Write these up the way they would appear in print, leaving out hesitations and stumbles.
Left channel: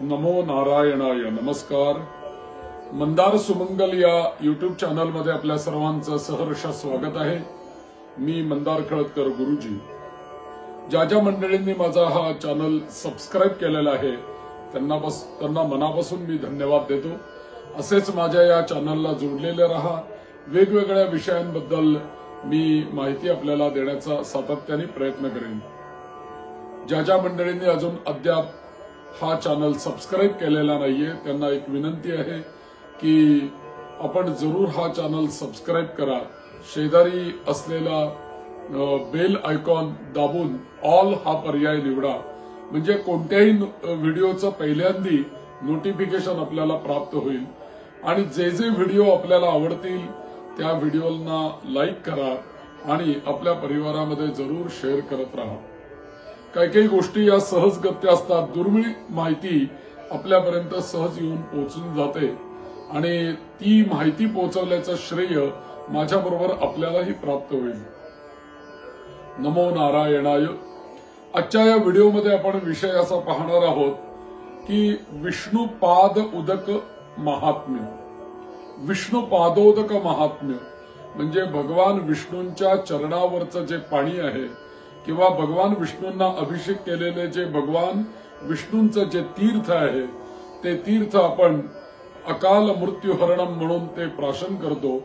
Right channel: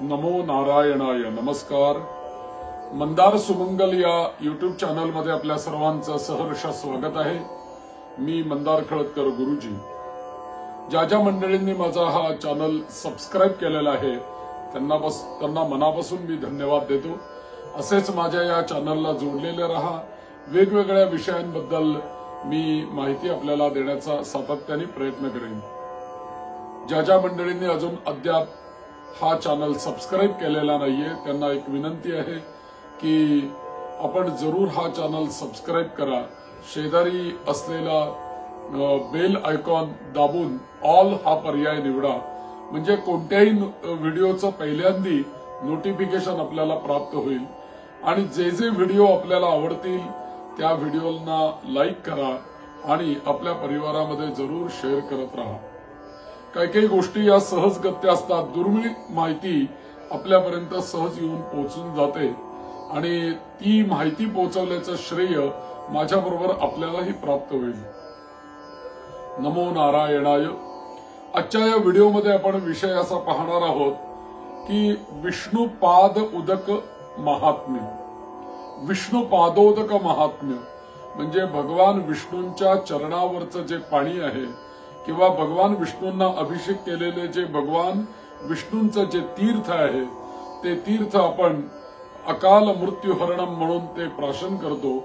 नमो नारायणाय. नमस्कार. मंदार सुमंगल या युट्यूब चॅनलमध्ये आपल्या सर्वांचं सहर्ष स्वागत आहे. मी मंदार खळदकर गुरुजी. ज्या ज्या मंडळींनी माझा हा चॅनल सबस्क्राईब केलेला आहे त्यांना मनापासून मी धन्यवाद देतो. असेच माझ्या या चॅनलला जोडलेले रहा. वेगवेगळ्या विषयांबद्दल मी माहिती आपल्याला देण्याचा सातत्याने प्रयत्न करेन. ज्या ज्या मंडळींनी अजून अद्याप हा चॅनल सबस्क्राईब केलेला नाहीये त्यांना एक विनंती आहे की आपण जरूर हा चॅनल सबस्क्राईब करा. शेजारी असलेला बेल आयकॉन दाबून ऑल हा पर्याय निवडा. म्हणजे कोणत्याही व्हिडिओचं पहिल्यांदी नोटिफिकेशन आपल्याला प्राप्त होईल. आणि जे जे व्हिडिओ आपल्याला आवडतील त्या व्हिडिओला लाईक करा आणि आपल्या परिवारामध्ये जरूर शेअर करत राहा. काही काही गोष्टी या सहजगत्या असतात. दुर्मिळ माहिती आपल्यापर्यंत सहज येऊन पोहोचून जाते आणि ती माहिती पोहोचवल्याचं श्रेय माझ्याबरोबर आपल्यालाही प्राप्त होईल. नमो नारायणाय. आजच्या या व्हिडिओमध्ये आपण विषय असा पाहणार आहोत की विष्णुपाद उदक महात्म्य. विष्णुपादोदक महात्म्य म्हणजे भगवान विष्णूंच्या चरणावरचं जे पाणी आहे किंवा भगवान विष्णूंना अभिषेक केलेले जे भगवान विष्णूंचं जे तीर्थ आहे ते तीर्थ आपण अकाल मृत्यूहरणम म्हणून ते प्राशन करतो.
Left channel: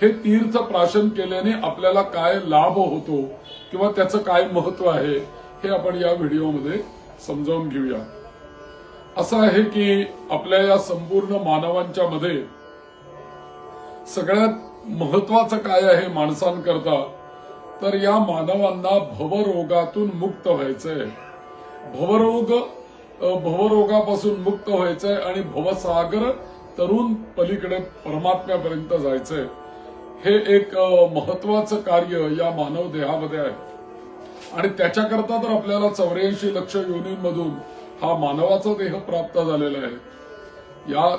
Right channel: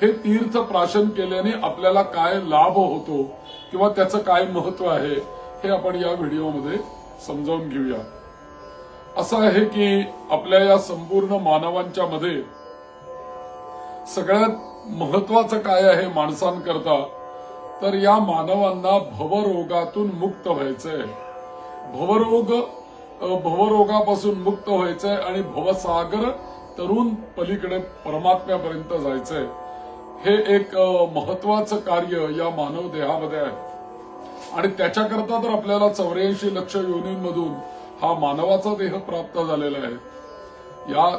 हे तीर्थ प्राशन केल्याने आपल्याला काय लाभ होतो किंवा त्याचं काय महत्व आहे हे आपण या व्हिडिओमध्ये समजावून घेऊया. असं आहे की आपल्या या संपूर्ण मानवांच्या मध्ये सगळ्यात महत्वाचं काय आहे माणसांकरता तर या मानवांना भवरोगातून मुक्त व्हायचंय. भवरोगापासून मुक्त व्हायचंय आणि भवसागर तरुण पलीकडे परमात्म्यापर्यंत जायचंय. हे एक महत्वाचं कार्य या मानव देहामध्ये आहे आणि त्याच्याकरता तर आपल्याला 84 लक्ष योनींमधून हा मानवाचा देह प्राप्त झालेला आहे. या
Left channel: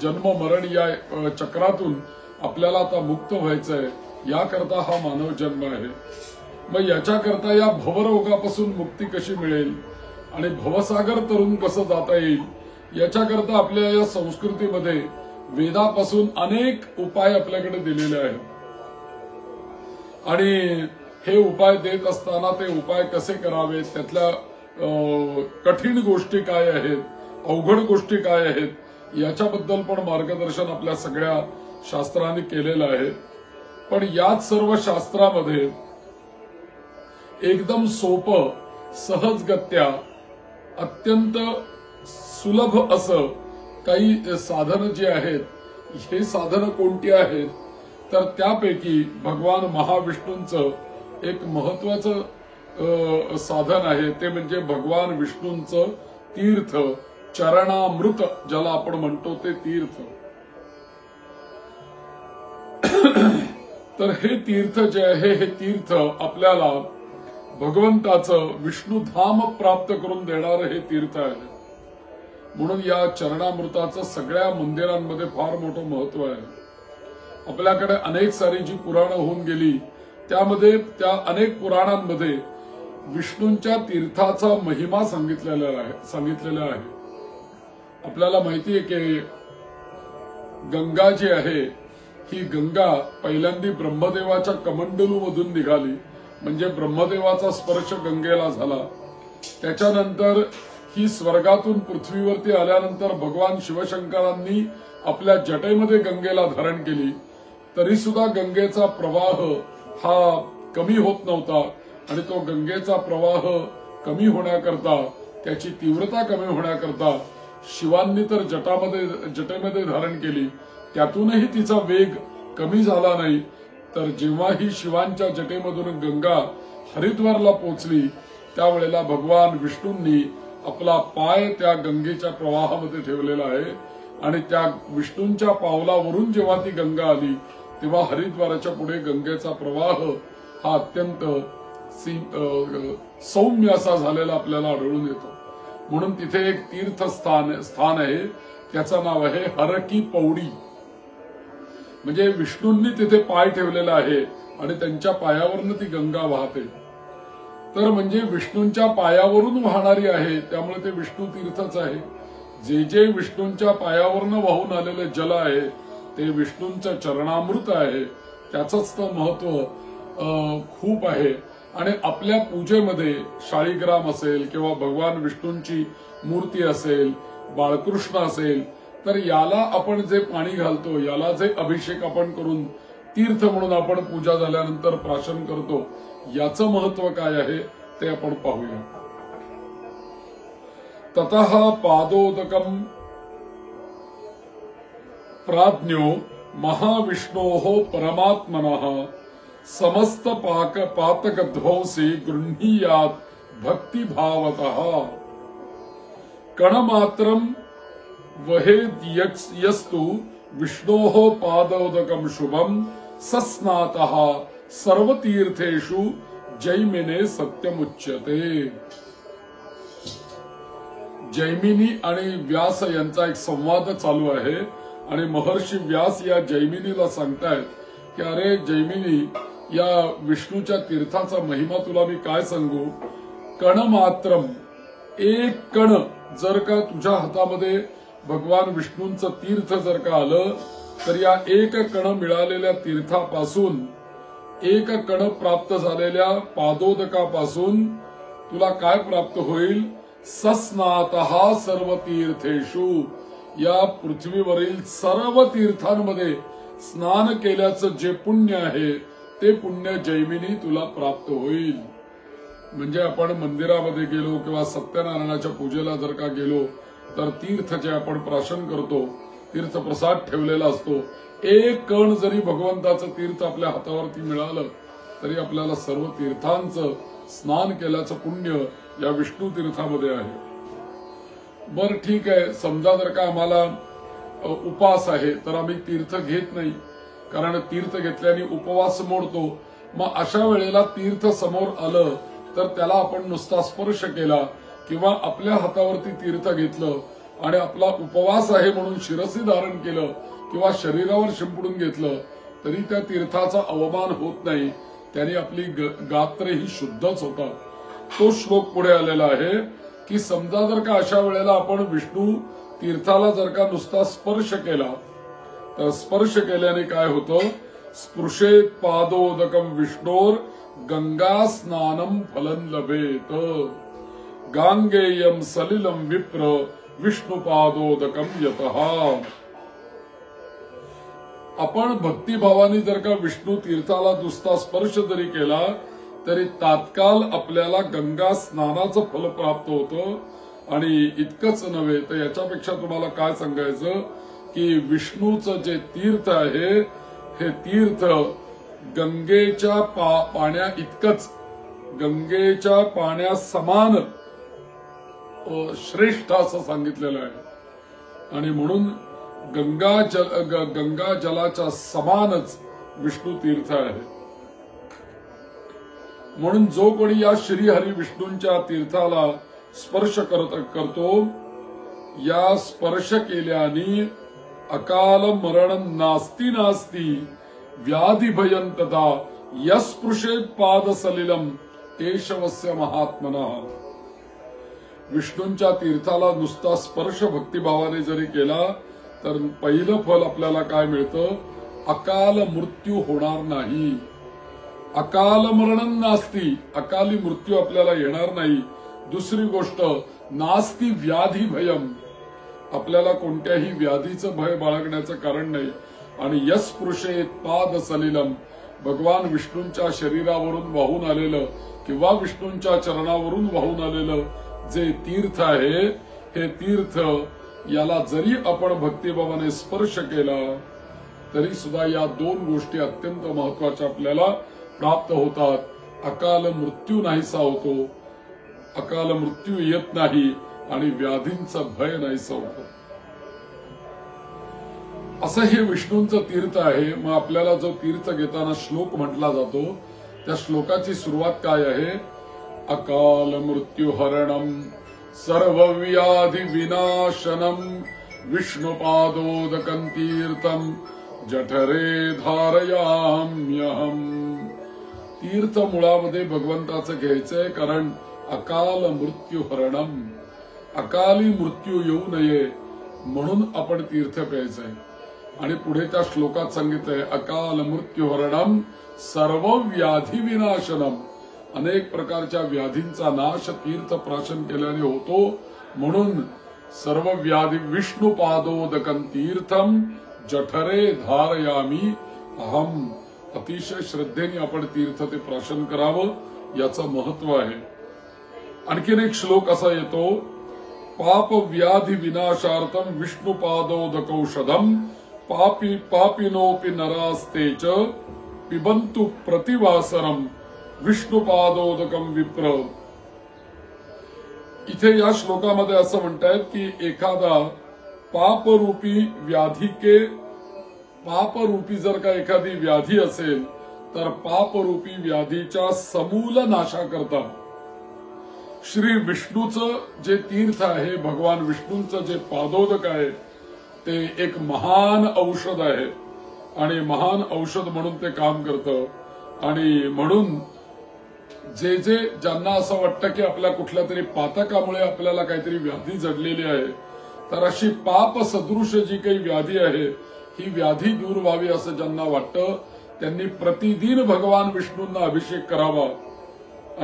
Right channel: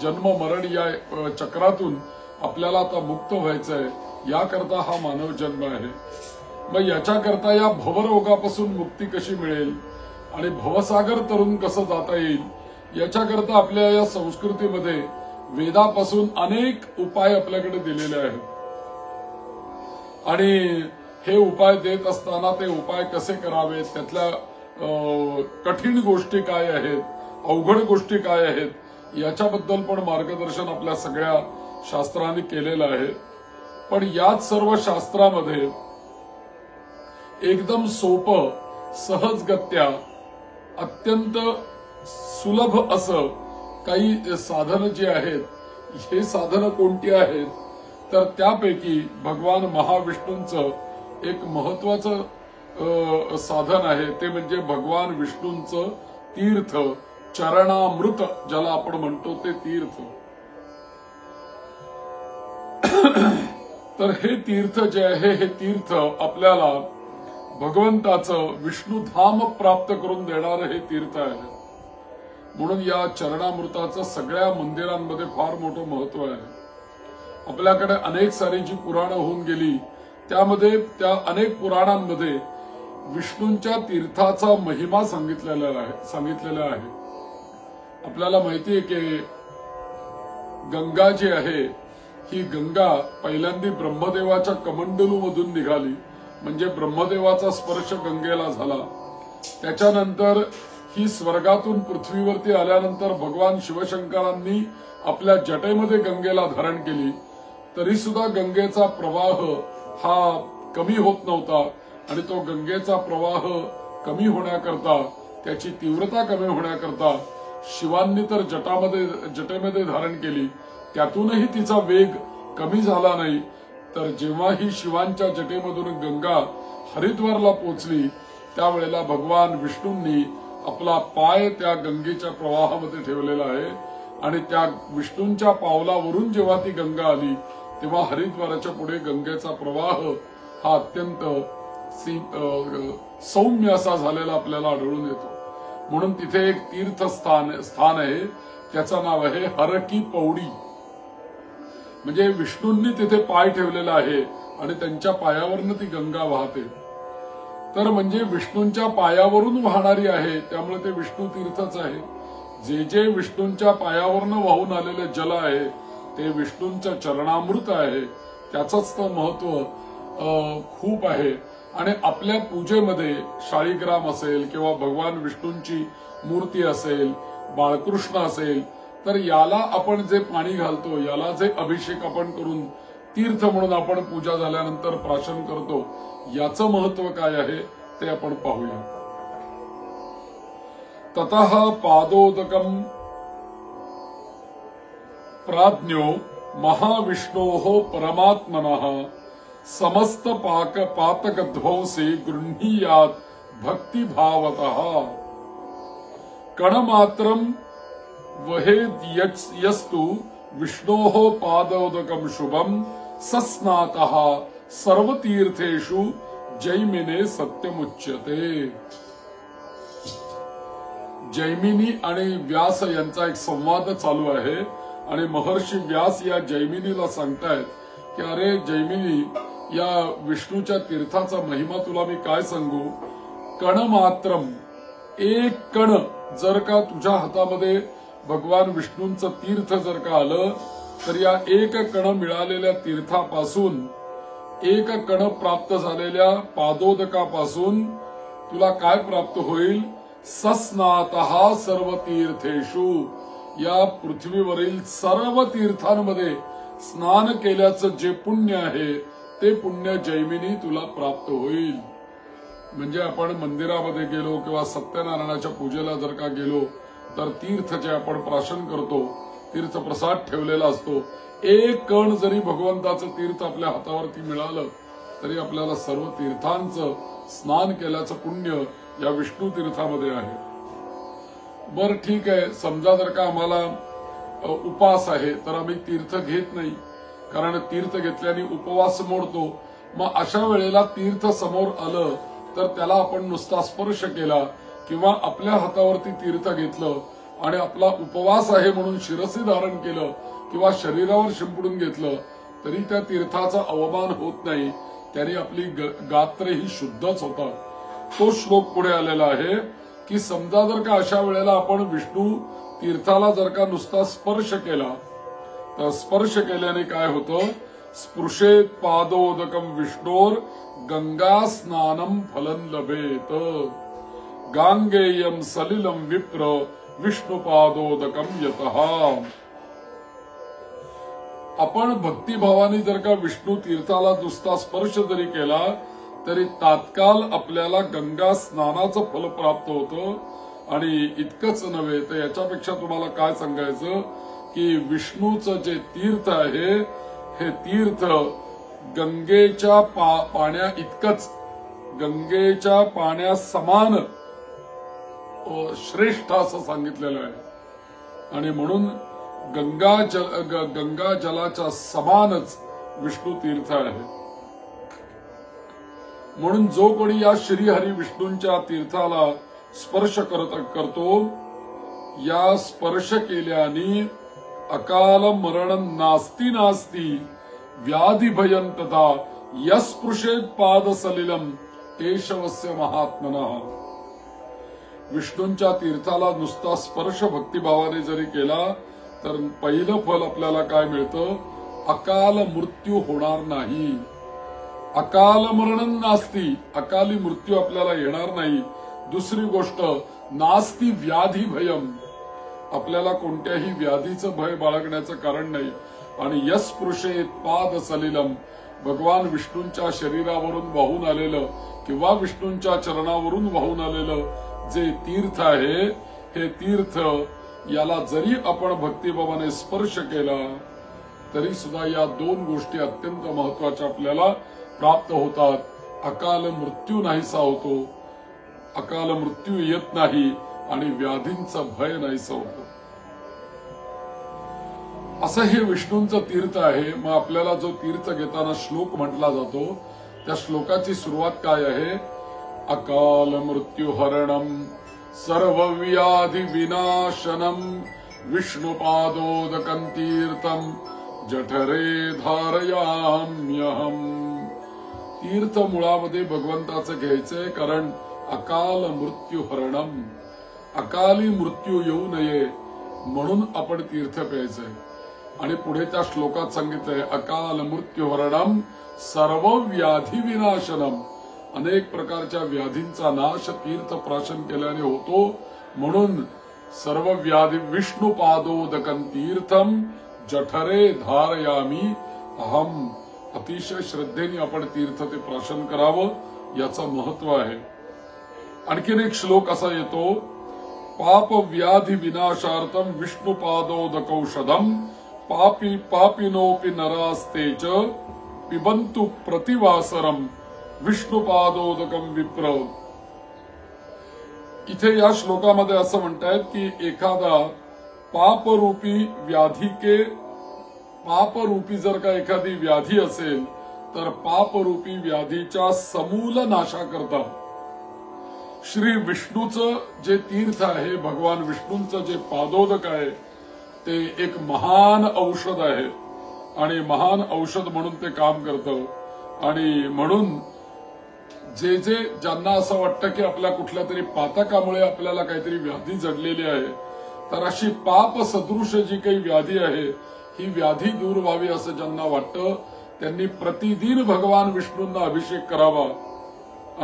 जन्म मरण या चक्रातून आपल्याला आता मुक्त व्हायचंय. याकरता हा मानव जन्म आहे. मग याच्याकरता या भवरोगापासून मुक्ती कशी मिळेल आणि भवसागर तरुण कसं जाता येईल याच्याकरता आपल्या या संस्कृतीमध्ये वेदापासून अनेक उपाय आपल्याकडे दिलेले आहेत. आणि हे उपाय देत असताना ते उपाय कसे करावेत, त्यातल्या कठीण गोष्टी काय आहेत, अवघड गोष्टी काय आहेत याच्याबद्दल पण मार्गदर्शन आपल्या सगळ्या शास्त्रांनी केलेलं आहे. पण याच सर्व शास्त्रामध्ये एकदम सोपं सहजगत्या अत्यंत सुलभ असं काही साधनं जी आहेत. हे साधनं कोणती आहेत तर त्यापैकी भगवान महाविष्णूंचं एक महत्वाचं साधन आहे ते म्हणजे भगवान विष्णूंचं तीर्थ चरणामृत ज्याला आपण म्हणतो ते तीर्थ. तर हे तीर्थ जे आहे हे तीर्थ आपल्याला भगवंताचं विष्णुधाम प्राप्त करून देणारं हे तीर्थ आहे. म्हणून या चरणामृताचं सगळ्या मंदिरांमध्ये फार मोठं महत्व आहे. आपल्याकडे अनेक सारी जी पुराणं होऊन गेली त्यामध्ये त्या अनेक पुराणांमध्ये विष्णूंच्या तीर्थाचा महिमा सांगितलेला आहे. आपल्याला माहिती आहे की गंगा जी आहे ही गंगा पहिल्यांदा ब्रह्मदेवाच्या कमंडलूमधून निघाली. म्हणजे ब्रह्मदेवाचा स्पर्श गंगेला झाला. त्याच्यानंतर ही स्वर्गातून पृथ्वीवरती आल्यानंतर भगवान शिवशंकरांनी आपल्या जटेमध्ये गंगेला धारण केली. तरी सुद्धा गंगेचा प्रवाह हा कमी होत नव्हता आणि तो गंगेचा प्रवाह कमी होण्याकरता त्याची तीव्रता कमी होण्याकरता शिवांनी तर जटेमध्ये धारण केली. त्यातूनही तिचा वेग कमी झाला नाही. तर जेव्हा ही शिवांच्या जटेमधून गंगा हरिद्वारला पोहोचली त्यावेळेला भगवान विष्णूंनी आपला पाय त्या गंगेच्या प्रवाहामध्ये ठेवलेला आहे आणि त्या विष्णूंच्या पावलावरून जेव्हा ती गंगा आली तेव्हा हरिद्वाराच्या पुढे गंगेचा प्रवाह हा अत्यंत सौम्य असा झालेला आपल्याला आढळून येतो. म्हणून तिथे एक तीर्थस्थान आहे त्याचं नाव आहे हर की पौडी. म्हणजे विष्णूंनी तिथे पाय ठेवलेला आहे आणि त्यांच्या पायावरनं ती गंगा वाहते. तर म्हणजे विष्णूंच्या पायावरून वाहणारी आहे, त्यामुळे ते विष्णू तीर्थच आहे. जे जे विष्णूंच्या पायावरनं वाहून आलेले जल आहे ते विष्णूंचं चरणामृत आहे. त्याचंच तर महत्व खूप आहे. आणि आपल्या पूजेमध्ये शाळीग्राम असेल किंवा भगवान विष्णूंची मूर्ती असेल, बाळकृष्ण असेल, तर याला आपण जे पाणी घालतो, याला जे अभिषेक आपण करून तीर्थ म्हणून आपण पूजा झाल्यानंतर प्राशन करतो, याचं महत्व काय आहे ते आपण पाहूया. ततः पादोदकम प्राज्ञो महाविष्णोः परमात्मनः समस्त पातकध्वंसी गृह्णीयात् भक्तिभावतः कणमात्रं वहेद्यस्तु विष्णोः पादोदकं शुभं सस्नातः सर्वतीर्थेषु जैमिने सत्यमुच्यते. जैमिनी आणि व्यास यांचा एक संवाद चालू आहे आणि महर्षी व्यास या जैमिनीला सांगतायत की अरे जैमिनी, या विष्णूच्या तीर्थाचा महिमा तुला मी काय सांगू. कण मात्रम, एक कण जर का तुझ्या हातामध्ये भगवान विष्णूंचं तीर्थ जर का आलं तर या एक कण मिळालेल्या तीर्थापासून, एक कण प्राप्त झालेल्या पादोदकापासून तुला काय प्राप्त होईल. सस्नातः सर्व तीर्थेषु, या पृथ्वीवरील सर्व तीर्थांमध्ये स्नान केल्याचं जे पुण्य आहे ते पुण्य जैमिनी तुला प्राप्त होईल. म्हणजे आपण मंदिरामध्ये गेलो किंवा सत्यनारायणाच्या पूजेला जर का गेलो तर तीर्थ जे आपण प्राशन करतो, तीर्थप्रसाद ठेवलेला असतो, एक कण जरी भगवंताचं तीर्थ आपल्या हातावरती मिळालं तरी आपल्याला सर्व तीर्थांचं स्नान केल्याचं पुण्य या विष्णू तीर्थामध्ये आहे. बर ठीक आहे, समजा जर का आम्हाला उपवास आहे तर आम्ही तीर्थ घेत नाही, कारण तीर्थ घेतल्याने उपवास मोडतो. मग अशा वेळेला तीर्थ समोर आलं तर त्याला आपण नुसता स्पर्श केला किंवा आपल्या हातावरती तीर्थ घेतलं आणि आपला उपवास आहे म्हणून शिरसी धारण केलं किंवा शरीरावर शिंपडून घेतलं तरी त्या तीर्थाचा अवमान होत नाही, त्याने आपली गात्रही शुद्धच होतात. तो श्लोक पुढे आलेला आहे की समजा जर का अशा वेळेला आपण विष्णू तीर्थाला जर का नुसता स्पर्श केला तर स्पर्श केल्याने काय होतं. स्पृशेत पादोदकम विष्णोर गंगा स्नानम फलं लभेत. गांगेयम सलिलम विप्र विष्णू पादोदकम यतः. आपण भक्तिभावाने जर का विष्णू तीर्थाला नुसता स्पर्श जरी केला तरी तात्काळ आपल्याला गंगा स्नानाचं फल प्राप्त होतं. आणि इतकंच नव्हे तर याच्यापेक्षा तुम्हाला काय सांगायचं की विष्णूचं जे तीर्थ आहे हे तीर्थ गंगेच्या पाण्या इतकंच, गंगेच्या पाण्यासमान श्रेष्ठ असं सांगितलेलं आहे. आणि म्हणून गंगा जलाच्या समानच विष्णू तीर्थ आहे. म्हणून जो कोणी या श्रीहरी विष्णूंच्या तीर्थाला स्पर्श करतो, या स्पर्श केल्याने अकाल मरण नास्ती नास्ती व्याधी भयं तथा यस्पृशेत पाद सलिलम केशवस्य महात्मनः. विष्णूंच्या तीर्थाला नुसता स्पर्श भक्तिभावाने जरी केला तर पहिलं फल आपल्याला काय मिळतं. अकाल मृत्यू होणार नाही. अकाल मरण नास्ती, अकाली मृत्यू आपल्याला येणार नाही. दुसरी गोष्ट नास्ती व्याधी भयम, आपल्याला कोणत्याही व्याधीचं भय बाळगण्याचं कारण नाही. आणि यस्पृशेत पाद सलिलम, भगवान विष्णूंच्या शरीरावरून वाहून आलेलं किंवा विष्णूंच्या चरणावरून वाहून आलेलं जे तीर्थ आहे हे तीर्थ याला जरी आपण भक्तिभावाने स्पर्श केला तरी सुद्धा या दोन गोष्टी अत्यंत महत्वाच्या आपल्याला प्राप्त होतात. अकाल मृत्यू नाहीसा होतो, अकाल मृत्यू येत नाही आणि व्याधींचा भय नाहीसा होतो. असं हे विष्णूंचं तीर्थ आहे. मग आपल्याला जो तीर्थ घेताना श्लोक म्हटला जातो त्या श्लोकाची सुरुवात काय आहे. अकाल मृत्यू हरणम सर्व व्याधी विनाशनम विष्णुपादोदकं तीर्थम जठरे धारयाम्यहम. तीर्थ मुळामध्ये भगवंताचं घ्यायचंय, कारण अकाल मृत्यू हरणम, अकाली मृत्यू येऊ नये म्हणून आपण तीर्थ प्यायचंय. आणि पुढे त्या श्लोकात सांगितलंय अकाल मृत्यू हरणम सर्व व्याधी विनाशनम, अनेक प्रकारच्या व्याधींचा नाश तीर्थ प्राशन केल्याने होतो. म्हणून सर्व व्याधी विष्णुपादोदकं तीर्थम जठरे धारयामी अहम, अतिशय श्रद्धेने आपण तीर्थ ते प्राशन करावं, याचं महत्व आहे. आणखीन एक श्लोक असा येतो, पाप व्याधी विनाशार्थम विष्णुपादोदकौषधम पापी पापिनोपि नरास्तेच पिबंतु प्रतिवासरम विष्णुपादोदकम विप्र. इथे या श्लोकामध्ये असं म्हणतायत की एखादा पापरूपी पापरूपी जर का एखादी व्याधी असेल तर पापरूपी व्याधीच्या समूल नाशाकरता श्री विष्णूचं जे तीर्थ आहे, भगवान विष्णूंचं जे पादोदक आहे, ते एक महान औषध आहे आणि महान औषध म्हणून ते काम करतं. आणि म्हणून जे ज्यांना असं वाटतं की आपल्या कुठल्या तरी पातकामुळे आपल्याला काहीतरी व्याधी जडलेली आहे, तर अशी पाप सदृश जी काही व्याधी आहे, ही व्याधी दूर व्हावी असं ज्यांना वाटतं, त्यांनी प्रतिदिन भगवान विष्णूंना अभिषेक करावा.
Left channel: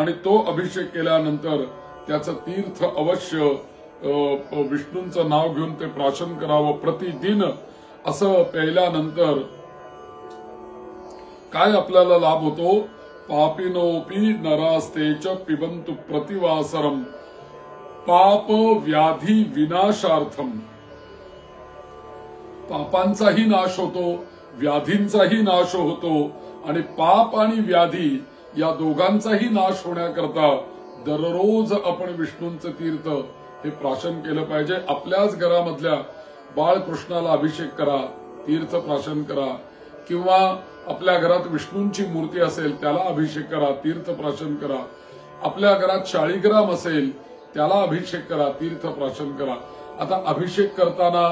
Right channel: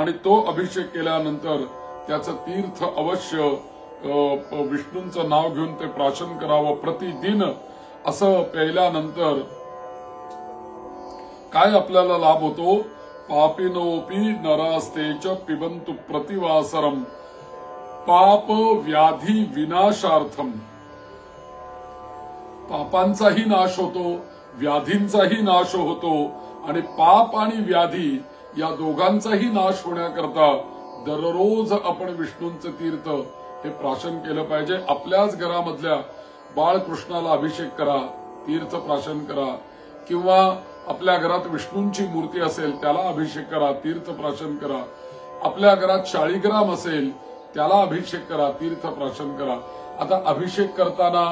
आणि तो अभिषेक केल्यानंतर त्याचं तीर्थ अवश्य विष्णूंचं नाव घेऊन ते प्राशन करावं प्रतिदिन. असं प्यायल्यानंतर काय आपल्याला लाभ होतो, पापिनोपि नरास्तेच पिबंतु प्रतिवासरम पाप व्याधी विनाशार्थम. पापांचाही नाश होतो, व्याधींचाही नाश होतो आणि पाप आणि व्याधी या दोघांचाही नाश होण्याकरता दररोज आपण विष्णूंचं तीर्थ हे प्राशन केलं पाहिजे. आपल्याच घरामधल्या बाळकृष्णाला अभिषेक करा, तीर्थ प्राशन करा, किंवा आपल्या घरात विष्णूंची मूर्ती असेल त्याला अभिषेक करा, तीर्थ प्राशन करा. आपल्या घरात शाळीग्राम असेल त्याला अभिषेक करा, तीर्थ प्राशन करा. आता अभिषेक करताना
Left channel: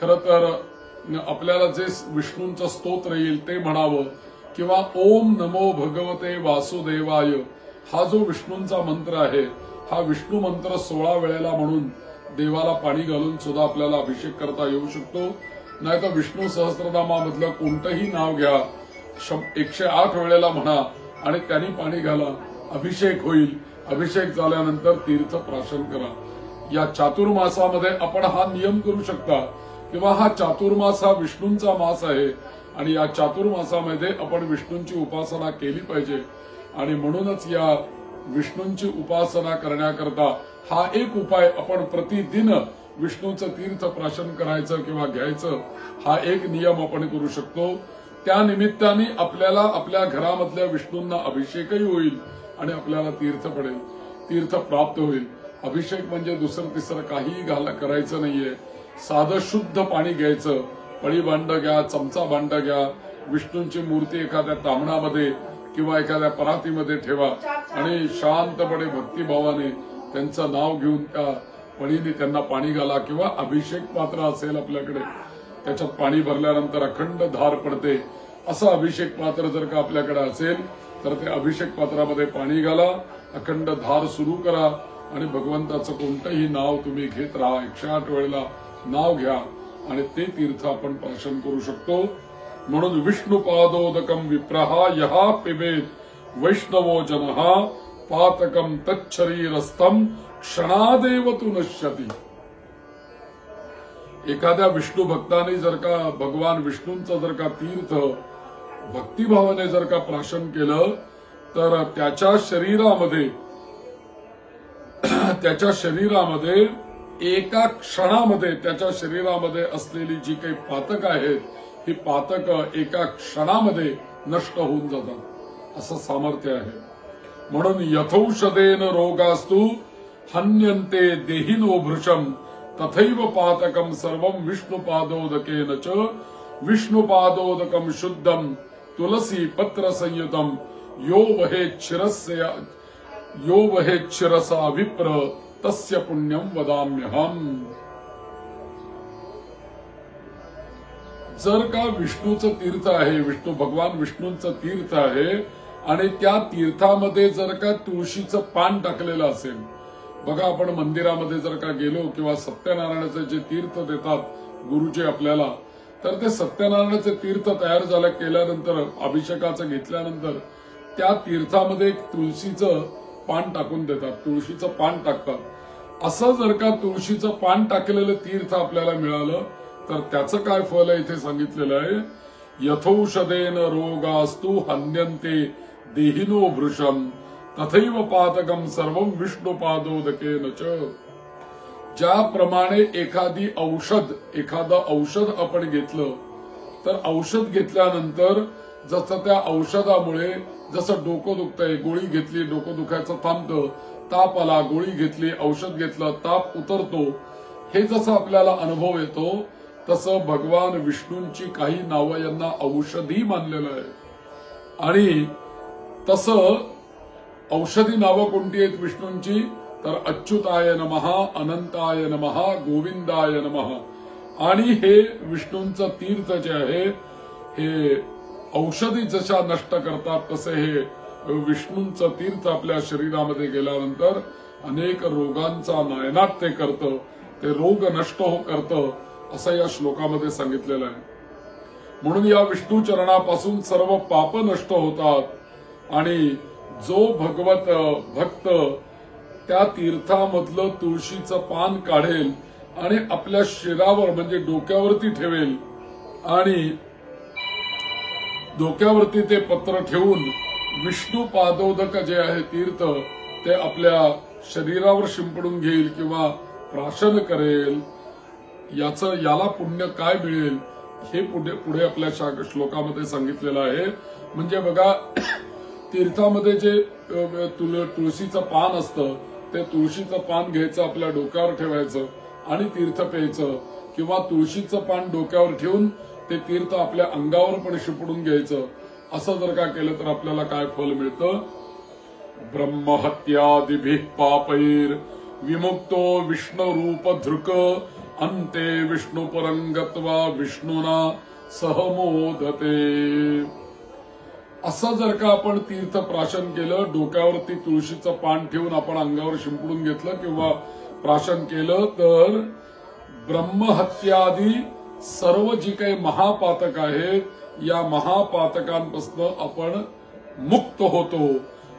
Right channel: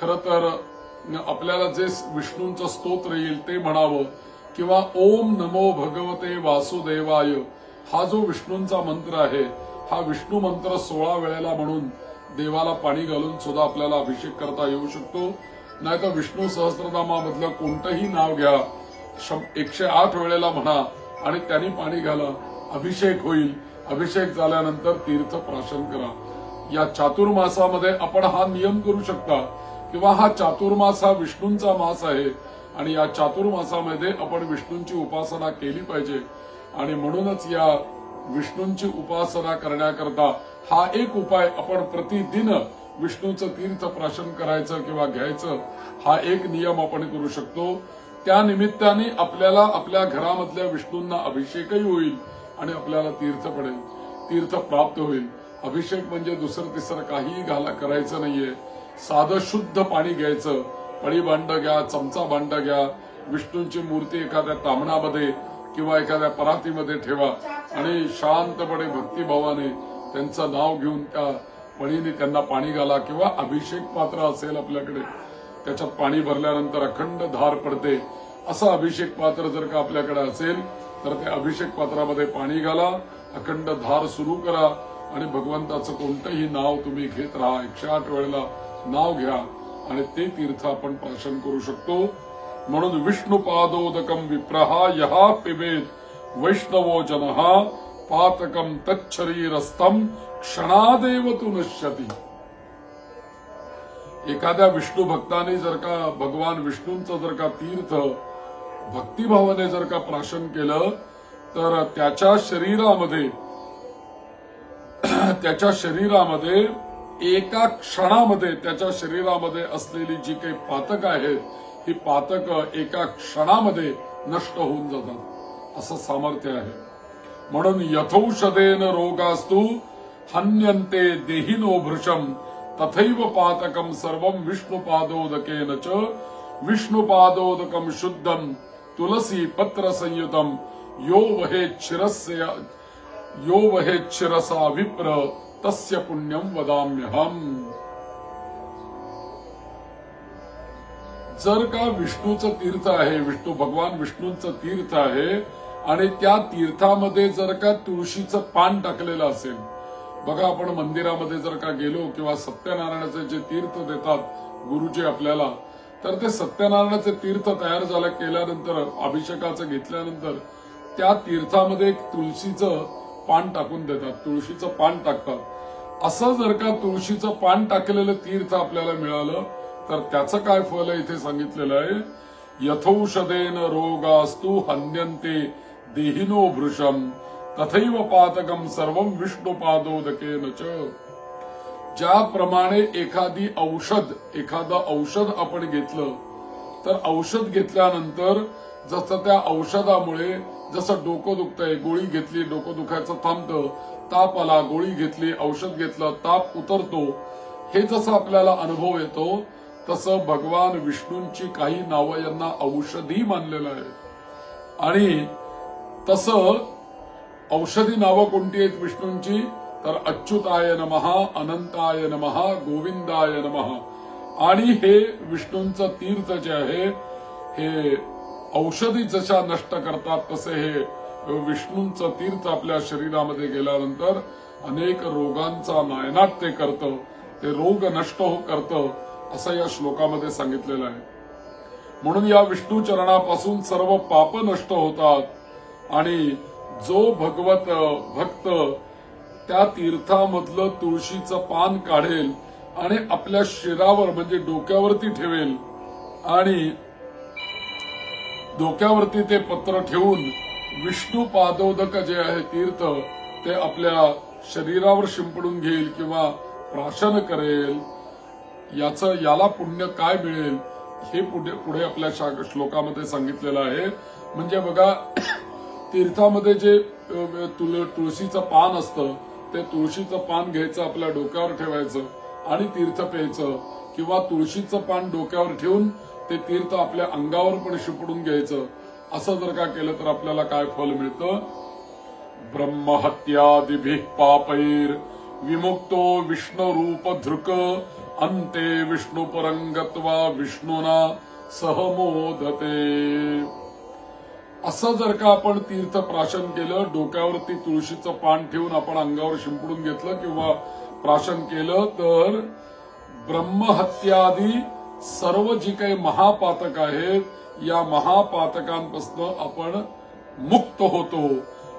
खरं तर आपल्याला जे विष्णूंचं स्तोत्र येईल ते म्हणावं, किंवा ओम नमो भगवते वासुदेवाय हा जो विष्णूंचा मंत्र आहे, हा विष्णू मंत्र 16 वेळेला म्हणून देवाला पाणी घालून सुद्धा आपल्याला अभिषेक करता येऊ शकतो. नाहीतर विष्णू सहस्त्रनामामधलं कोणतंही नाव घ्या, 108 वेळेला म्हणा आणि त्यांनी पाणी घाला, अभिषेक होईल. अभिषेक झाल्यानंतर तीर्थ प्राशन करा. या चातुर्मासामध्ये आपण हा नियम करू शकता, किंवा हा चातुर्मास हा विष्णूंचा मास आहे आणि या चातुर्मासामध्ये आपण विष्णूंची उपासना केली पाहिजे. आणि म्हणूनच या विष्णूंची उपासना करण्याकरता हा एक उपाय आपण प्रतिदिन विष्णूचं तीर्थ प्राशन करायचं किंवा घ्यायचं, हा एक नियम आपण करू शकतो. त्या निमित्ताने आपल्याला आपल्या घरामधल्या विष्णूंना अभिषेकही होईल आणि आपल्याला तीर्थ पडेल, तीर्थ प्राप्त होईल. अभिषेक म्हणजे दुसरं तिसरं काही करायचं नाहीये. साधं शुद्ध पाणी घ्यायचं, पळी भांड घ्या, चमचा भांड घ्या, विष्णूंची मूर्ती एखाद्या तामणामध्ये किंवा एखाद्या परातीमध्ये ठेवा आणि शांतपणे भक्तिभावाने त्यांचं नाव घेऊन त्या पळीने त्यांना पाणी घाला. किंवा अभिषेक पात्र असेल आपल्याकडे, त्याच्यात पाणी भरल्यानंतर अखंड धार पडते, असं अभिषेक पात्र जर का आपल्याकडे असेल तर त्या अभिषेक पात्रामध्ये पाणी घाला, अखंड धार सुरू करा आणि भगवंताचं कोणतंही नाव तुम्ही घेत राहा. 108 वेळेला नाव घ्या आणि ते तीर्थ आपण प्राशन करू शकतो. म्हणून विष्णुपादोदकम विप्रहा यहा पिबेत वैष्णवो जनहा पातकम तच्छरीरस्थम क्षणादेव तु नश्यति. एखाद्या विष्णू भक्ताने जर का भगवान विष्णूंचं जर का तीर्थ भक्तिभावाने जर का प्राशन केलं तर त्याच्या शरीरामध्ये एका क्षणामध्ये त्याच्या शरीरामध्ये असलेली जी काही पातक आहेत, ही पातक एका क्षणामध्ये नष्ट होऊन जातात, असं सामर्थ्य आहे. म्हणून यथौषधेन रोगास्तु हन्यन्ते देहिनो भृशम तथैव पातकम सर्वं विष्णुपादोदकेन च विष्णुपादोदकम शुद्धम तुलसी पत्र संयुतम यो वहेत् शिरसा विप्र तस्य पुण्यम वदाम्यहम. जर का विष्णूचं तीर्थ आहे, भगवान विष्णूंचं तीर्थ आहे आणि त्या तीर्थामध्ये जर का तुळशीचं पान टाकलेलं असेल, बघा आपण मंदिरामध्ये जर का गेलो किंवा सत्यनारायणाचे जे तीर्थ देतात गुरुजी आपल्याला, तर ते सत्यनारायणाचे तीर्थ तयार झालं केल्यानंतर अभिषेकाचं घेतल्यानंतर त्या तीर्थामध्ये एक तुळशीचं पान टाकून देतात, तुळशीचं पान टाकतात. असं जर का तुळशीचं पान टाकलेलं तीर्थ आपल्याला मिळालं तर त्याचं काय फल आहे इथे सांगितलेलं आहे. यथौषधेन रोगास्तु हन्यन्ते देहिनो भृशम तथैव पातकम सर्वं विष्णुपादोदकेन च. ज्याप्रमाणे एखादं औषध आपण घेतलं तर औषध घेतल्यानंतर जसं त्या औषधामुळे जसं डोकं दुखतंय, गोळी घेतली डोकं दुखायचं थांबतं, ताप आला गोळी घेतली औषध घेतलं ताप उतरतो, हे जसं आपल्याला अनुभव येतो तसं भगवान विष्णूंची काही नावं यांना औषधी मानलेलं आहे. आणि तसं औषधी नावं कोणती आहेत विष्णूंची, तर अच्युताय नमः, अनंताय नमः, गोविंदाय नमः. आणि हे विष्णूंचं तीर्थ जे आहे हे औषधी जशा नष्ट करतात तसे हे विष्णूंचं तीर्थ आपल्या शरीरामध्ये गेल्यानंतर अनेक रोगांचा नायनाट ते करतं, ते रोग नष्ट करतं असं या श्लोकामध्ये सांगितलेलं आहे. म्हणून या विष्णू चरणापासून सर्व पाप नष्ट होतात आणि जो भक्त त्या तीर्थामधलं तुळशीचं पान काढेल आणि आपल्या शिरावर म्हणजे डोक्यावरती ठेवेल आणि डोक्यावरती ते पत्र ठेवून विष्णू पादोदक जे आहे तीर्थ ते आपल्या शरीरावर शिंपडून घेईल किंवा प्राशन करेल, याला पुण्य काय मिळेल हे पुढे आपल्या श्लोकामध्ये सांगितलेलं आहे. म्हणजे बघा तीर्थामध्ये जे तुळशीचं पान असतं ते तुळशीचं पान घ्यायचं आपल्या डोक्यावर ठेवायचं आणि तीर्थ प्यायचं, किंवा तुळशीचं पान डोक्यावर ठेवून ते तीर्थ आपल्या अंगावर पण शिपडून घ्यायचं. असं जर का केलं तर आपल्याला काय फल मिळतं. ब्रह्महत्यादिभिः पापैर विमुक्तो विष्णुरूप धृक अंते विष्णुपरं गत्वा विष्णुना सहमोदते. असं जर का आपण तीर्थ प्राशन केलं, डोक्यावरती तुळशीचं पान ठेवून आपण अंगावर शिंपडून घेतलं किंवा प्राशन केलं तर ब्रह्महत्यादी सर्व जी काही महापातक आहेत या महापातकांपासून आपण मुक्त होतो,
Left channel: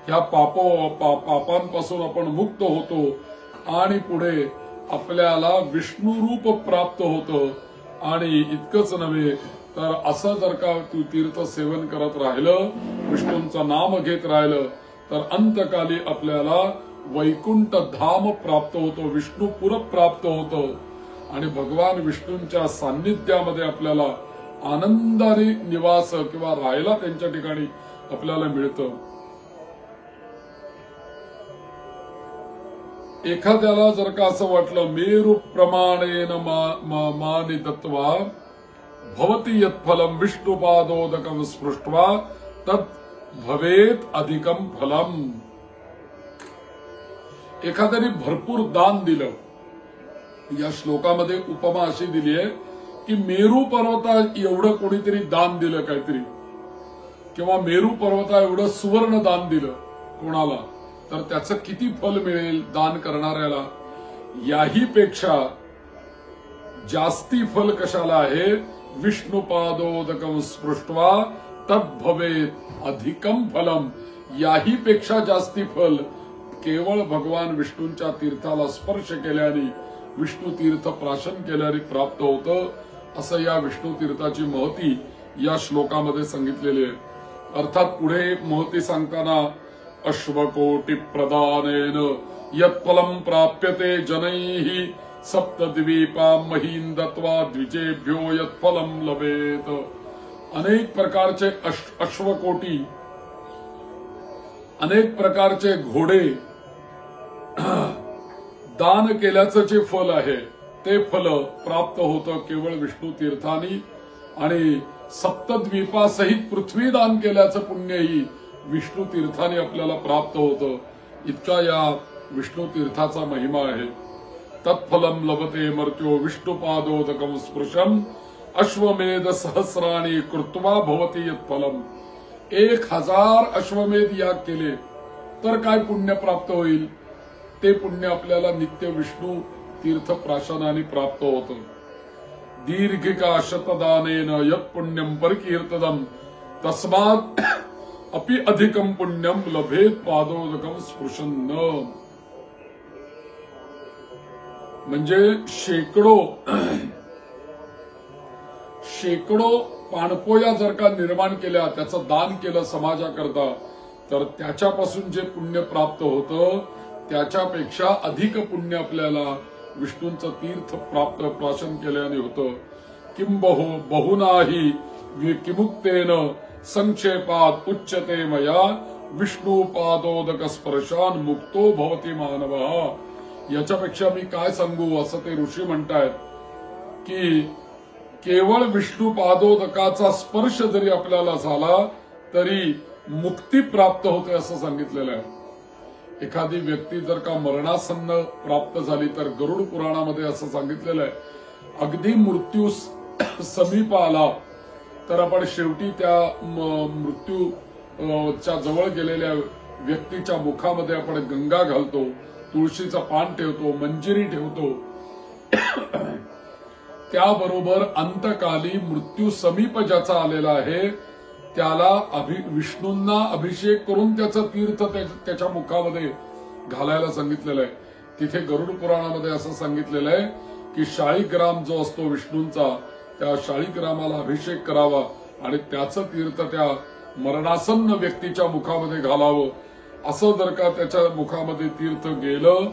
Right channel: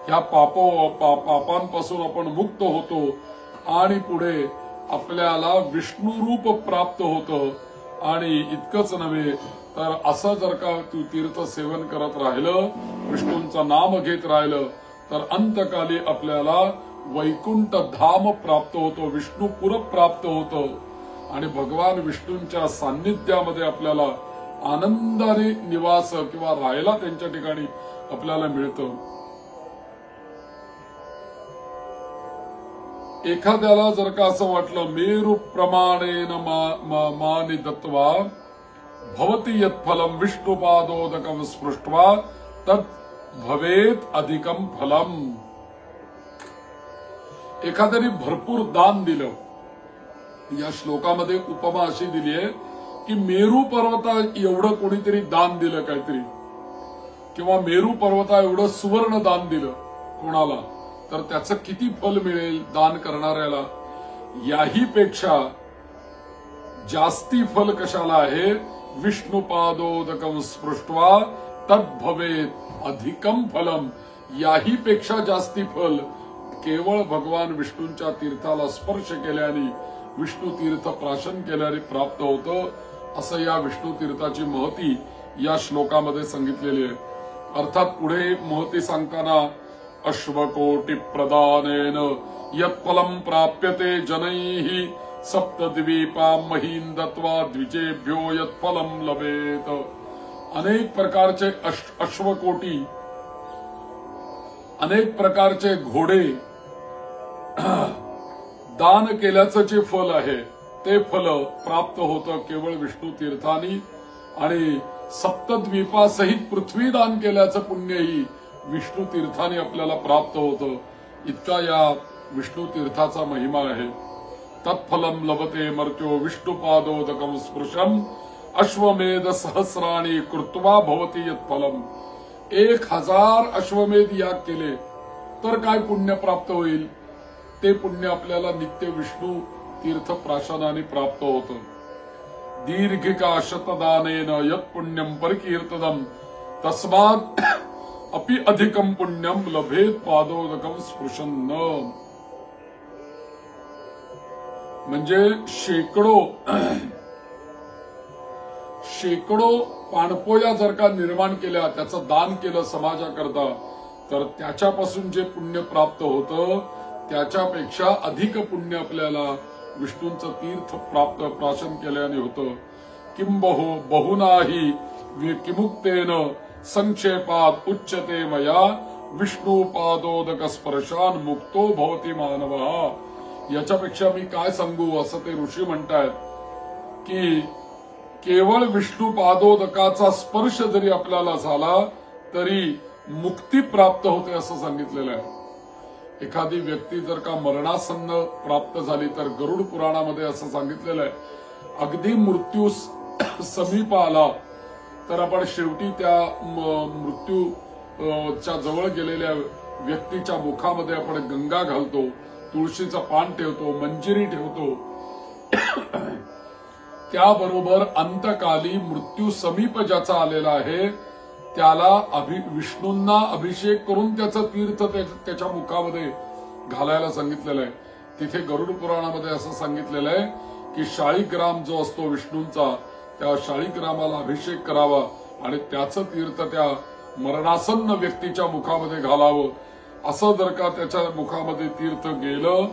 ह्या पापांपासून आपण मुक्त होतो आणि पुढे आपल्याला विष्णुरूप प्राप्त होतं. आणि इतकंच नव्हे तर असं जर का तू तीर्थ सेवन करत राहिलं, विष्णूंचं नाम घेत राहिलं तर अंतकाली आपल्याला वैकुंठ धाम प्राप्त होतो, विष्णुपुर प्राप्त होतं आणि भगवान विष्णूंच्या सान्निध्यामध्ये आपल्याला आनंदाने निवास किंवा राहायला त्यांच्या ठिकाणी आपल्याला मिळतं. एखाद्याला जर का असं वाटलं मेरु प्रमाणेन मानि दत्वा भवति यत्फलम विष्णुपादोदकं स्पृष्ट्वा तत् भवेत अधिकम फलम. एखाद्याने भरपूर दान दिलं, या श्लोकामध्ये उपमा अशी दिली आहे की मेरू पर्वता एवढं कोणीतरी दान दिलं काहीतरी, किंवा मेरू पर्वता एवढं सुवर्ण दान दिलं कोणाला, तर त्याचं किती फल मिळेल दान करणाऱ्याला. याही पेक्षा जास्ती फल कशाला आहे, विष्णुपादोदकं स्पृष्ट्वा तद्भवेत अधिकम फलम. याही पेक्षा जास्ती फल केवळ भगवान विष्णूंच्या तीर्थाला स्पर्श केल्याने, विष्णू तीर्थ प्राशन केल्याने प्राप्त होतं. असं या विष्णू तीर्थाची महती या श्लोकामध्ये सांगितलेली आहे. अर्थात पुढे महती सांगताना अश्वकोटी प्रदानेन यत्फलं प्राप्यते जनैः सप्तद्वीपां महीं दत्वा द्विजेभ्यो यत्फलं लभेत. अनेक प्रकारचे अश्वकोटी, अनेक प्रकारचे घोडे दान केल्याचं जे फल आहे ते फल प्राप्त होतं केवळ विष्णू तीर्थांनी. आणि सप्तद्वीपासहित पृथ्वी दान केल्याचं पुण्यही विष्णू तीर्थाने आपल्याला प्राप्त होतं. इतका या विष्णू तीर्थाचा महिमा आहे. तत्फलम लभते मर्त्यो विष्णुपादोदकं स्पृशम अश्वमेध सहस्राणि कृत्वा भवति यत्फलम. 1000 अश्वमेध याग केले तर काय पुण्य प्राप्त होईल? ते पुण्य आपल्याला नित्य विष्णू तीर्थ प्राशनाने प्राप्त होतं. दीर्घिका शतदानेन यत् पुण्यम परकीर्तनम तस्मात् अपि अधिकम पुण्यम लभेत पादोदकम स्पृशन्न. म्हणजे शेकडो पाणपोया जर का निर्माण केल्या, त्याचं दान केलं समाजाकरता, तर त्याच्यापासून जे पुण्य प्राप्त होतं त्याच्यापेक्षा अधिक पुण्य आपल्याला विष्णूंचं तीर्थ प्राप्त प्राशन केल्याने होतं. किंबहु बहुनाही किमुक्तेन संक्षेपात उच्यते मया विष्णू पादोदक स्पर्शान मुक्तो भवती मानवः. याच्यापेक्षा मी काय सांगू असं ते ऋषी म्हणतायत की केवळ विष्णू पादोदकाचा स्पर्श जरी आपल्याला झाला तरी मुक्ती प्राप्त होते असं सांगितलेलं आहे. एखादी व्यक्ती जर का मरणासन्न प्राप्त झाली तर गरुड पुराणामध्ये असं सांगितलेलं आहे, अगदी मृत्यू समीप आला तर आपण शेवटी त्या मृत्यूच्या जवळ गेलेल्या व्यक्तीच्या मुखामध्ये आपण गंगा घालतो, तुळशीचं पान ठेवतो, मंजिरी ठेवतो. त्याबरोबर अंतकाली मृत्यू समीप ज्याचा आलेला आहे त्याला विष्णूंना अभिषेक करून त्याचं तीर्थ त्याच्या मुखामध्ये घालायला सांगितलेलं आहे. तिथे गरुड पुराणामध्ये असं सांगितलेलं आहे की शाळीग्राम जो असतो विष्णूंचा, त्या शाळीग्रामाला अभिषेक करावा आणि त्याचं तीर्थ त्या मरणासन्न व्यक्तीच्या मुखामध्ये घालावं. असं जर का त्याच्या मुखामध्ये तीर्थ गेलं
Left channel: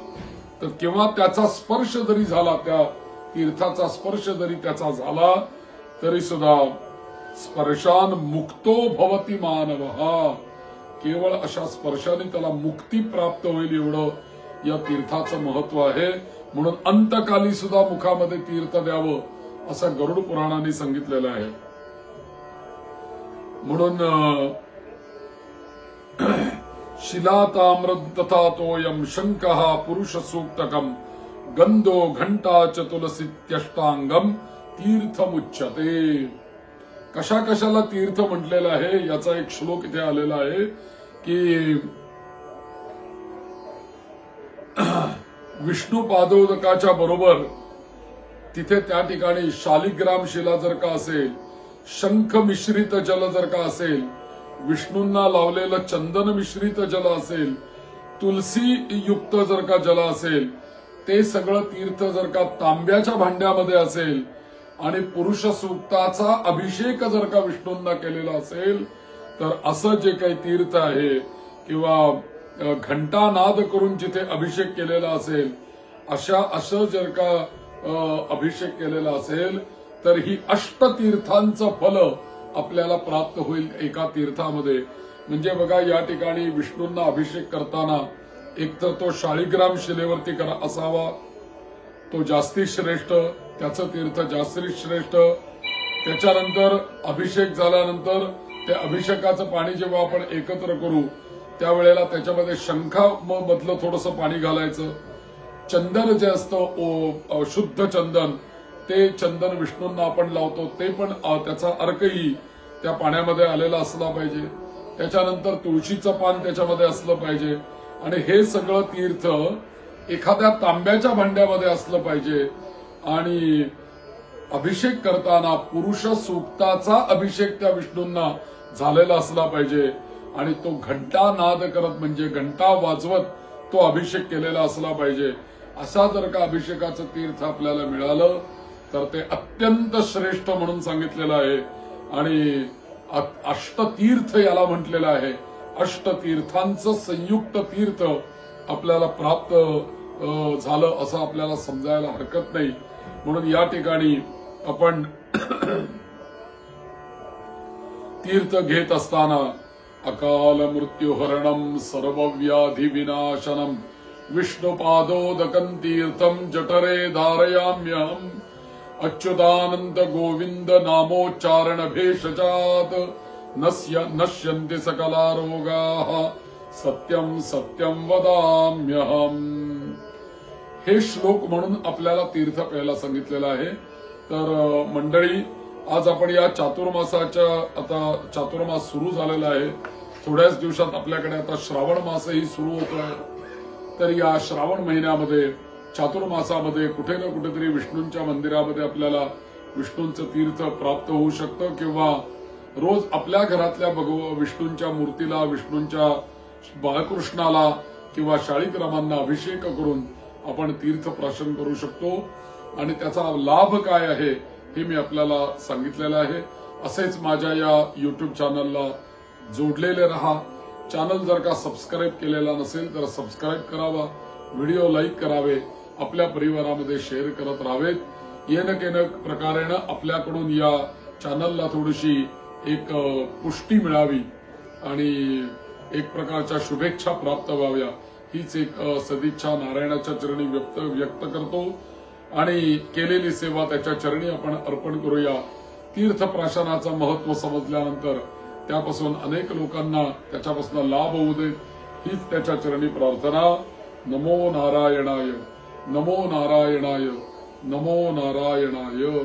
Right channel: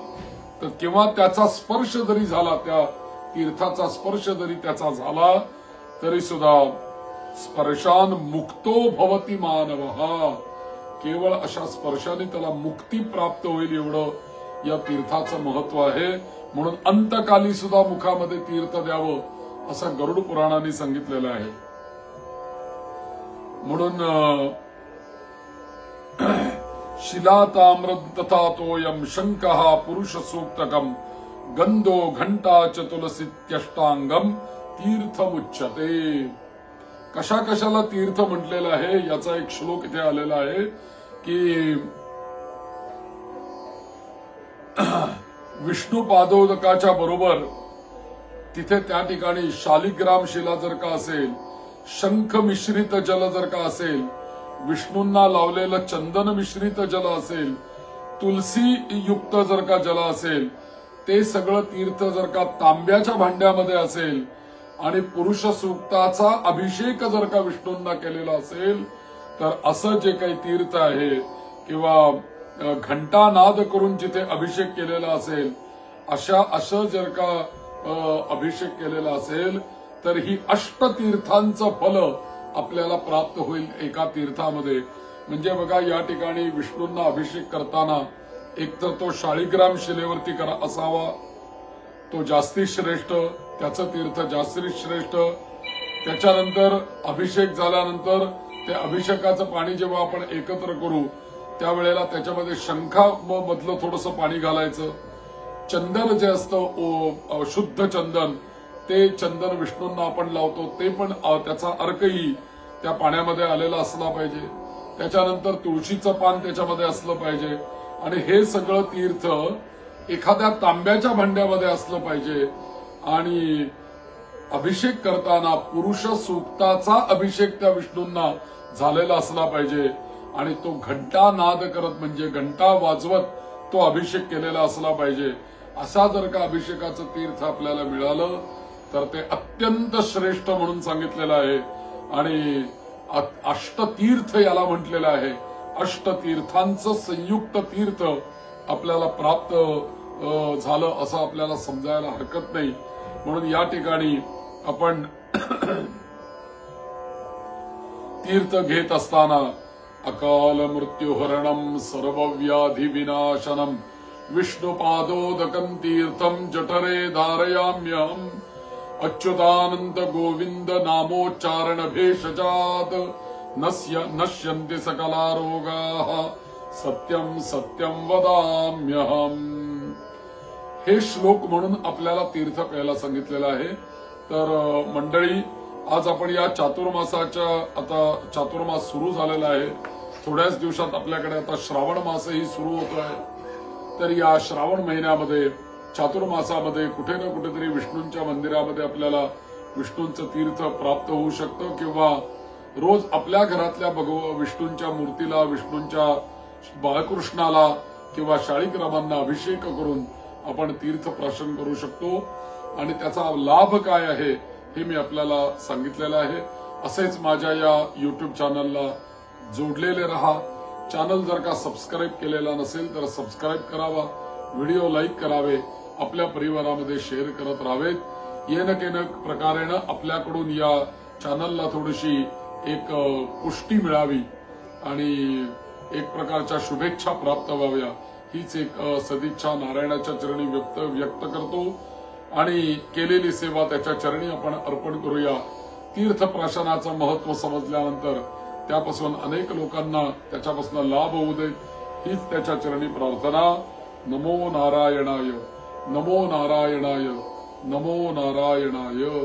तर किंवा त्याचा स्पर्श जरी झाला, त्या तीर्थाचा स्पर्श जरी त्याचा झाला तरी सुद्धा स्पर्शान मुक्तो भवती मानवः. केवळ अशा स्पर्शाने त्याला मुक्ती प्राप्त होईल एवढं या तीर्थाचं महत्व आहे. म्हणून अंतकाली सुद्धा मुखामध्ये तीर्थ द्यावं असं गरुड पुराणाने सांगितलेलं आहे. म्हणून शिला ताम्रद तथा तोयम शंकः पुरुष सूक्तकम गंधो घंटा च तुलसीत्यष्टांगम तीर्थमुच्यते. कशा कशाला तीर्थ म्हटलेलं आहे याचा एक श्लोक इथे आलेला आहे की विष्णू पादोदकाच्या बरोबर तिथे त्या ठिकाणी शालिग्राम शिला जर का असेल, शंख मिश्रित जल जर का असेल, विष्णूंना लावलेलं चंदन मिश्रित जल असेल, तुलसी युक्त जर का जल असेल, ते सगळं तीर्थ जर का तांब्याच्या भांड्यामध्ये असेल आणि पुरुष सूक्ताचा अभिषेक जर का विष्णूंना केलेला असेल तर असं जे काही तीर्थ आहे किंवा घंटानाद करून जिथे अभिषेक केलेला असेल असं जर का अभिषेक केलेला असेल तर ही अष्टतीर्थांचं फल आपल्याला प्राप्त होईल एका तीर्थामध्ये. म्हणजे बघा, या ठिकाणी विष्णूंना अभिषेक करताना एकतर तो शाळीग्राम शिलेवरती असावा, तो जास्ती श्रेष्ठ, त्याचं तीर्थ जास्ती श्रेष्ठ. त्याच्यानंतर अभिषेक झाल्यानंतर ते अभिषेकाचं पाणी जेव्हा आपण एकत्र करू त्यावेळेला त्याच्यामध्ये शंखामधलं थोडंसं पाणी घालायचं. चंदन जे असतं शुद्ध चंदन, ते चंदन विष्णूंना आपण लावतो, ते पण त्याचा अर्कही त्या पाण्यामध्ये आलेला असला पाहिजे. त्याच्यानंतर तुळशीचं पान त्याच्यामध्ये असलं पाहिजे आणि हे सगळं तीर्थ एखाद्या तांब्याच्या भांड्यामध्ये असलं पाहिजे. आणि अभिषेक करताना पुरुष सूक्ताचा अभिषेक त्या विष्णूंना झालेला असला पाहिजे आणि तो घंटा नाद करत म्हणजे घंटा वाजवत तो अभिषेक केलेला असला पाहिजे. असा जर का अभिषेकाचं तीर्थ आपल्याला मिळालं तर ते अत्यंत श्रेष्ठ म्हणून सांगितलेलं आहे. आणि अष्टतीर्थ याला म्हटलेलं आहे. अष्टतीर्थांचं संयुक्त तीर्थ आपल्याला प्राप्त झालं असं आपल्याला समजायला हरकत नाही. म्हणून या ठिकाणी आपण तीर्थ घेत असताना अकाल मृत्युहरणम सर्वव्याधी विनाशनम विष्णुपादोदकं तीर्थम जठरे धारयाम्यहम अच्युतानंद गोविंद नामोच्चारण भेषजात नश्यन्ति सकला रोगाः सत्यम सत्यम वदाम्यहम. हे श्लोक म्हणून आपल्याला तीर्थ प्यायला सांगितलेलं आहे. तर मंडळी, आज आपण या चातुर्मासाच्या आता चातुर्मास सुरू झालेला आहे. थोड्याच दिवसात आपल्याकडे आता श्रावण मासही सुरू होतोय. तर या श्रावण महिन्यामध्ये चातुर्मासामध्ये कुठे ना कुठेतरी विष्णूंच्या मंदिरामध्ये आपल्याला विष्णूंचं तीर्थ प्राप्त होऊ शकतं किंवा रोज आपल्या घरातल्या विष्णूंच्या मूर्तीला, विष्णूंच्या बाळकृष्णाला किंवा शाळीग्रामांना अभिषेक करून आपण तीर्थप्राशन करू शकतो. आणि त्याचा लाभ काय आहे हे मी आपल्याला सांगितलेलं आहे. असेच माझ्या या युट्यूब चॅनलला जोडलेले रहा. चॅनल जर का सबस्क्राईब केलेला नसेल तर सबस्क्राईब करावा, व्हिडिओ लाईक करावे, आपल्या परिवारामध्ये शेअर करत राहावेत. येनकेनक प्रकारेनं आपल्याकडून या चॅनलला थोडीशी एक पुष्टी मिळावी आणि एक प्रकारच्या शुभेच्छा प्राप्त व्हाव्या हीच एक सदिच्छा नारायणाच्या चरणी व्यक्त करतो. आणि केलेली सेवा त्याच्या चरणी आपण अर्पण करूया. तीर्थप्राशनाचं महत्व समजल्यानंतर त्यापासून अनेक लोकांना त्याच्यापासून लाभ होऊ देत हीच त्याच्या चरणी प्रार्थना. नमो नारायणाय, नमो नारायणाय, नमो नारायणाय.